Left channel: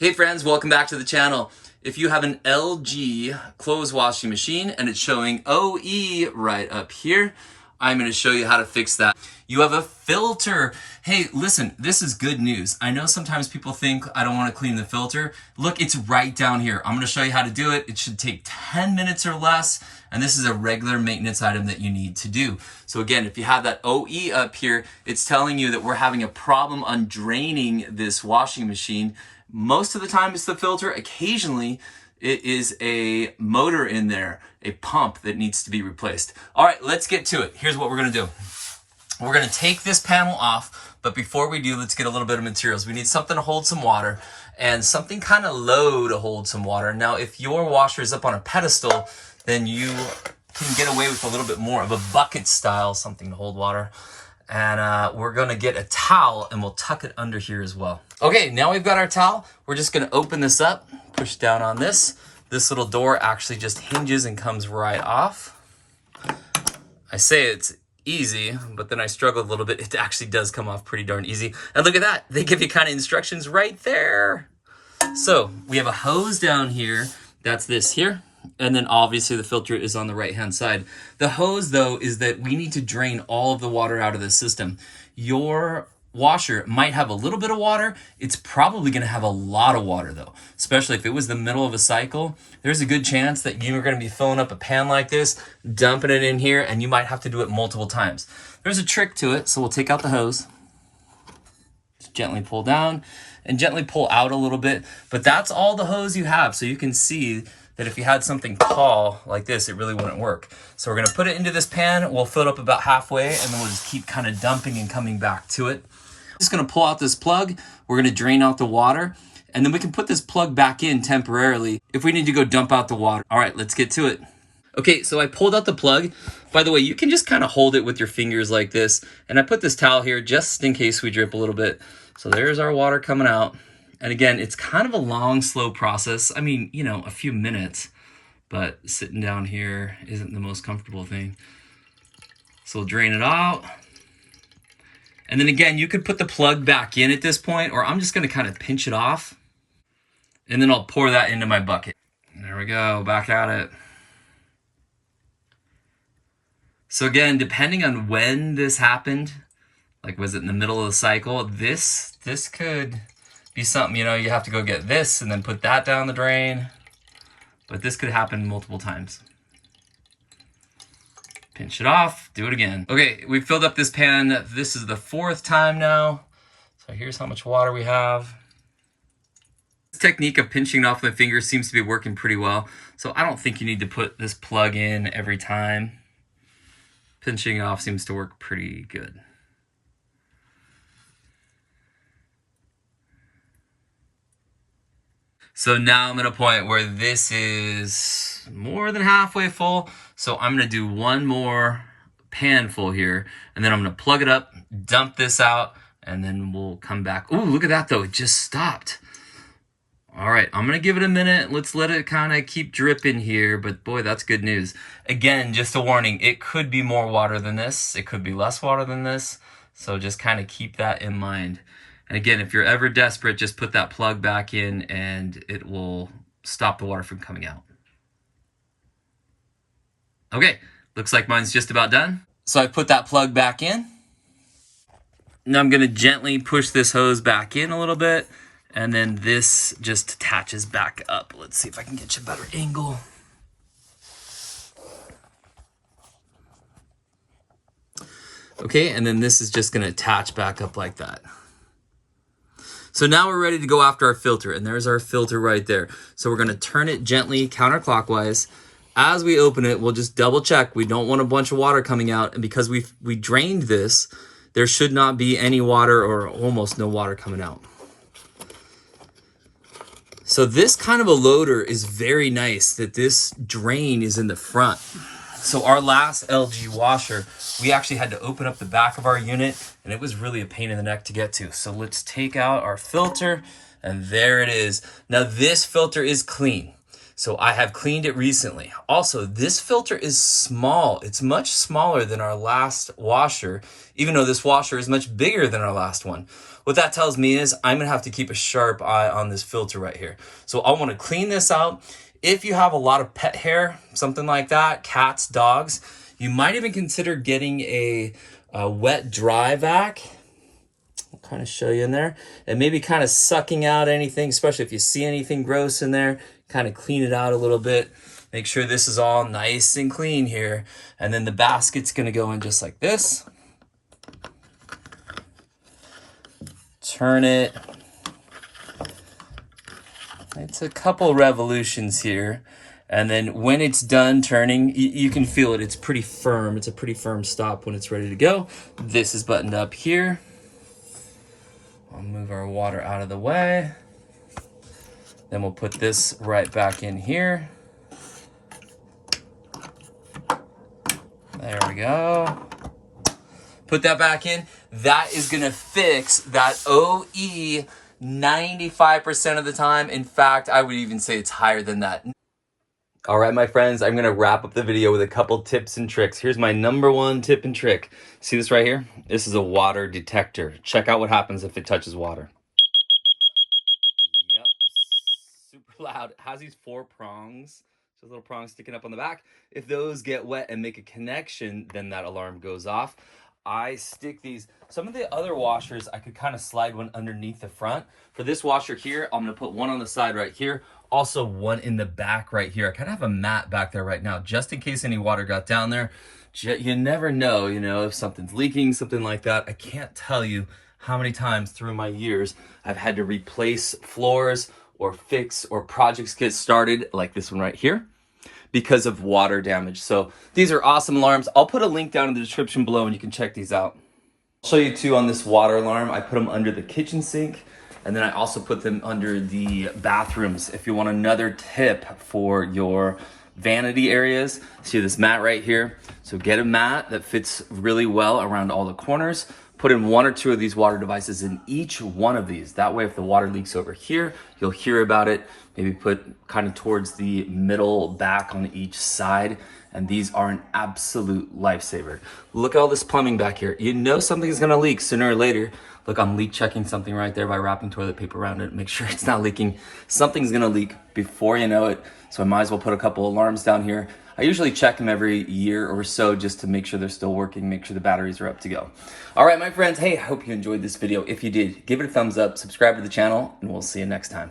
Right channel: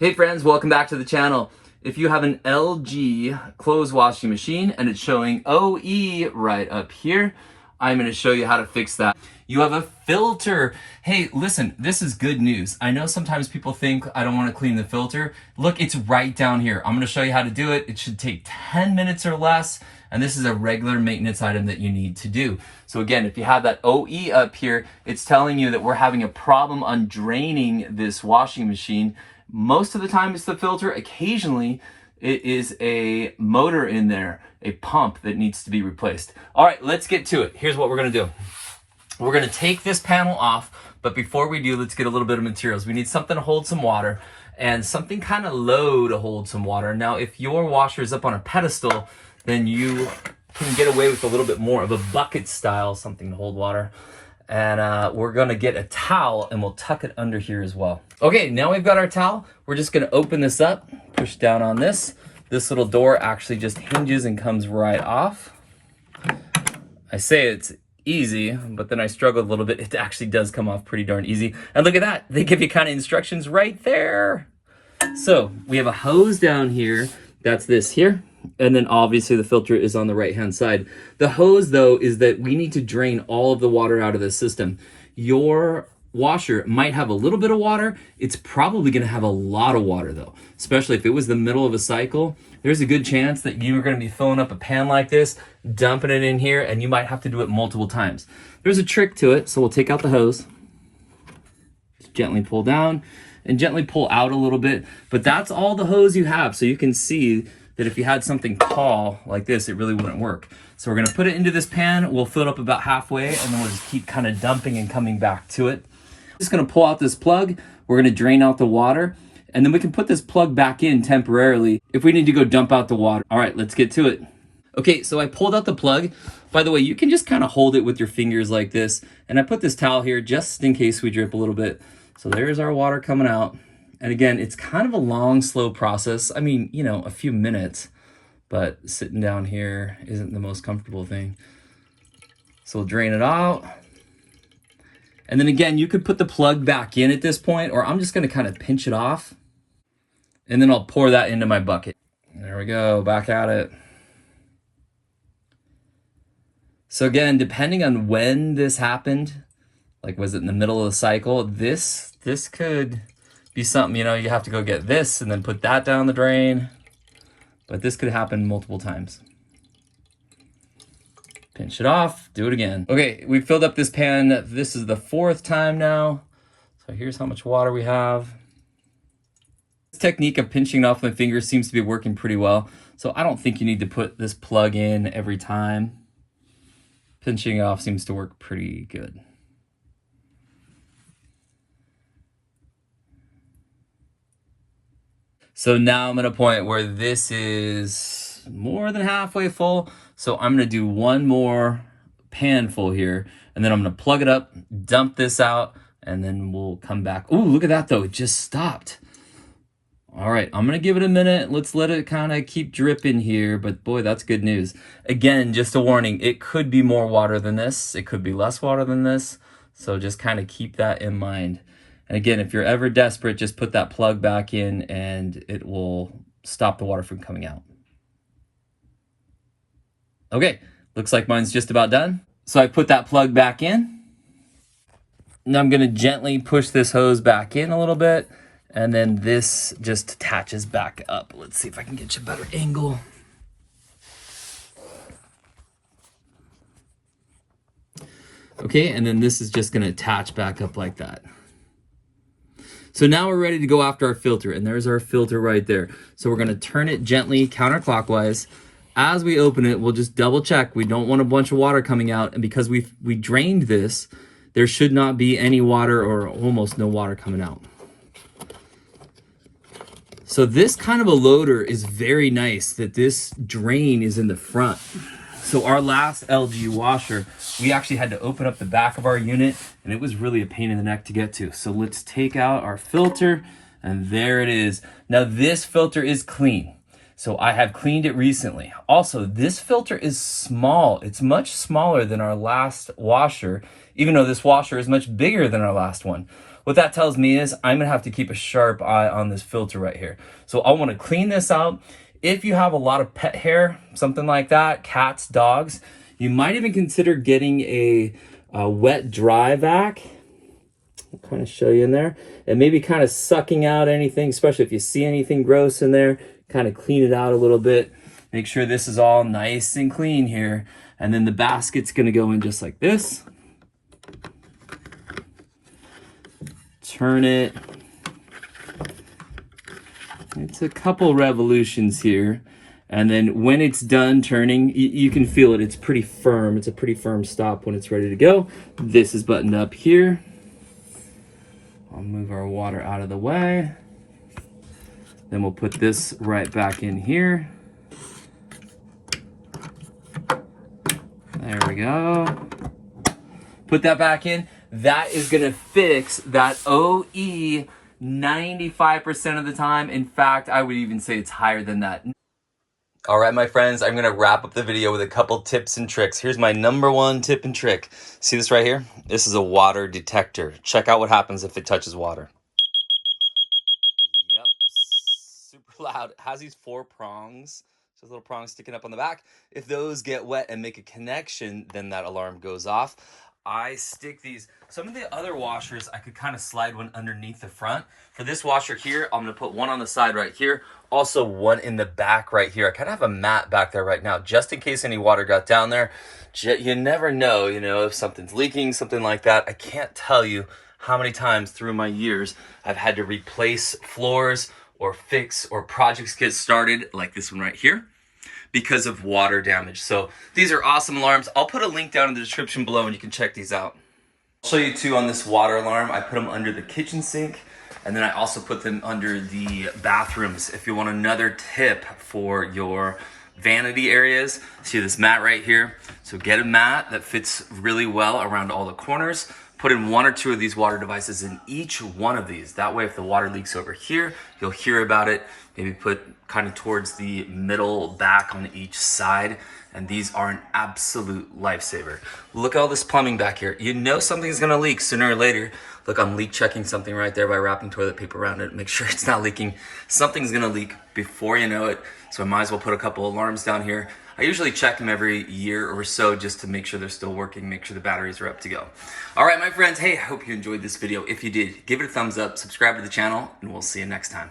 Hey friends, welcome back to the channel. If you have an LG clothes washing machine and it's showing OE right up here, I'm going to show you how to fix that. You have a filter. Hey, listen, this is good news. I know sometimes people think I don't want to clean the filter. Look, it's right down here. I'm going to show you how to do it. It should take 10 minutes or less, and this is a regular maintenance item that you need to do. So again, if you have that OE up here, it's telling you that we're having a problem on draining this washing machine. Most of the time it's the filter. Occasionally it is a motor in there, a pump that needs to be replaced. All right, let's get to it. Here's what we're gonna do. We're gonna take this panel off, but before we do, let's get a little bit of materials. We need something to hold some water and something kind of low to hold some water. Now, if your washer is up on a pedestal, then you can get away with a little bit more of a bucket style, something to hold water. And we're gonna get a towel and we'll tuck it under here as well. Okay, now we've got our towel. We're just gonna open this up, push down on this. This little door actually just hinges and comes right off. I say it's easy, but then I struggled a little bit. It actually does come off pretty darn easy. And look at that, they give you kind of instructions right there. So we have a hose down here, that's this here. And then obviously the filter is on the right-hand side. The hose, though, is that we need to drain all of the water out of the system. Your washer might have a little bit of water. It's probably going to have a lot of water, though, especially if it was the middle of a cycle. There's a good chance that you're going to be filling up a pan like this, dumping it in here, and you might have to do it multiple times. There's a trick to it, so we'll take out the hose. Just gently pull down and gently pull out a little bit, but that's all the hose you have, so you can see that if you had something tall like this, it really wouldn't work. So we're gonna put it into this pan, we'll fill it up about halfway, and then we'll just keep kind of dumping and coming back to it. Just gonna pull out this plug, we're gonna drain out the water, and then we can put this plug back in temporarily if we need to go dump out the water. All right, let's get to it. Okay, so I pulled out the plug. By the way, you can just kind of hold it with your fingers like this, and I put this towel here just in case we drip a little bit. So there's our water coming out. And again, it's kind of a long, slow process. I mean, you know, a few minutes, but sitting down here isn't the most comfortable thing. So we'll drain it out. And then again, you could put the plug back in at this point, or I'm just gonna kind of pinch it off. And then I'll pour that into my bucket. There we go, back at it. So again, depending on when this happened, like was it in the middle of the cycle, this could be something, you know, you have to go get this and then put that down the drain. But this could happen multiple times. Pinch it off, do it again. Okay, we filled up this pan. This is the 4th time now. So here's how much water we have. This technique of pinching it off with my fingers seems to be working pretty well. So I don't think you need to put this plug in every time. Pinching it off seems to work pretty good. So now I'm at a point where this is more than halfway full. So I'm gonna do one more pan full here, and then I'm gonna plug it up, dump this out, and then we'll come back. Ooh, look at that though, it just stopped. All right, I'm gonna give it a minute. Let's let it kind of keep dripping here, but boy, that's good news. Again, just a warning, it could be more water than this. It could be less water than this. So just kind of keep that in mind. And again, if you're ever desperate, just put that plug back in and it will stop the water from coming out. Okay, looks like mine's just about done. So I put that plug back in. Now I'm gonna gently push this hose back in a little bit, and then this just attaches back up. Let's see if I can get you a better angle. Okay, and then this is just gonna attach back up like that. So now we're ready to go after our filter, and there's our filter right there. So we're gonna turn it gently counterclockwise. As we open it, we'll just double check. We don't want a bunch of water coming out, and because we drained this, there should not be any water or almost no water coming out. So this kind of a loader is very nice that this drain is in the front. So our last LG washer, we actually had to open up the back of our unit, and it was really a pain in the neck to get to. So let's take out our filter, and there it is. Now this filter is clean. So I have cleaned it recently. Also, this filter is small. It's much smaller than our last washer, even though this washer is much bigger than our last one. What that tells me is I'm gonna have to keep a sharp eye on this filter right here. So I wanna clean this out. If you have a lot of pet hair, something like that, cats, dogs, you might even consider getting a wet dry vac. I'll kind of show you in there, and maybe kind of sucking out anything, especially if you see anything gross in there, kind of clean it out a little bit. Make sure this is all nice and clean here. And then the basket's gonna go in just like this. Turn it. It's a couple revolutions here. And then when it's done turning, you can feel it. It's pretty firm. It's a pretty firm stop when it's ready to go. This is buttoned up here. I'll move our water out of the way. Then we'll put this right back in here. There we go. Put that back in. That is gonna fix that OE 95% of the time. In fact, I would even say it's higher than that. All right, my friends, I'm gonna wrap up the video with a couple tips and tricks. Here's my #1 tip and trick. See this right here? This is a water detector. Check out what happens if it touches water. Yep, super loud. It has these 4 prongs. So little prongs sticking up on the back. If those get wet and make a connection, then that alarm goes off. I stick these. Some of the other washers, I could kind of slide one underneath the front. For this washer here, I'm gonna put one on the side right here. Also one in the back right here. I kind of have a mat back there right now, just in case any water got down there. You never know, if something's leaking, something like that. I can't tell you how many times through my years I've had to replace floors or fix or projects get started, like this one right here, because of water damage. So these are awesome alarms. I'll put a link down in the description below and you can check these out. I'll show you too on this water alarm. I put them under the kitchen sink, and then I also put them under the bathrooms. If you want another tip for your vanity areas, see this mat right here. So get a mat that fits really well around all the corners. Put in 1 or 2 of these water devices in each one of these. That way, if the water leaks over here, you'll hear about it. Maybe put kind of towards the middle back on each side. And these are an absolute lifesaver. Look at all this plumbing back here. You know something's gonna leak sooner or later. Look, I'm leak checking something right there by wrapping toilet paper around it. Make sure it's not leaking. Something's gonna leak before you know it. So I might as well put a couple alarms down here. I usually check them every year or so just to make sure they're still working, make sure the batteries are up to go. All right, my friends, hey, I hope you enjoyed this video. If you did, give it a thumbs up, subscribe to the channel, and we'll see you next time.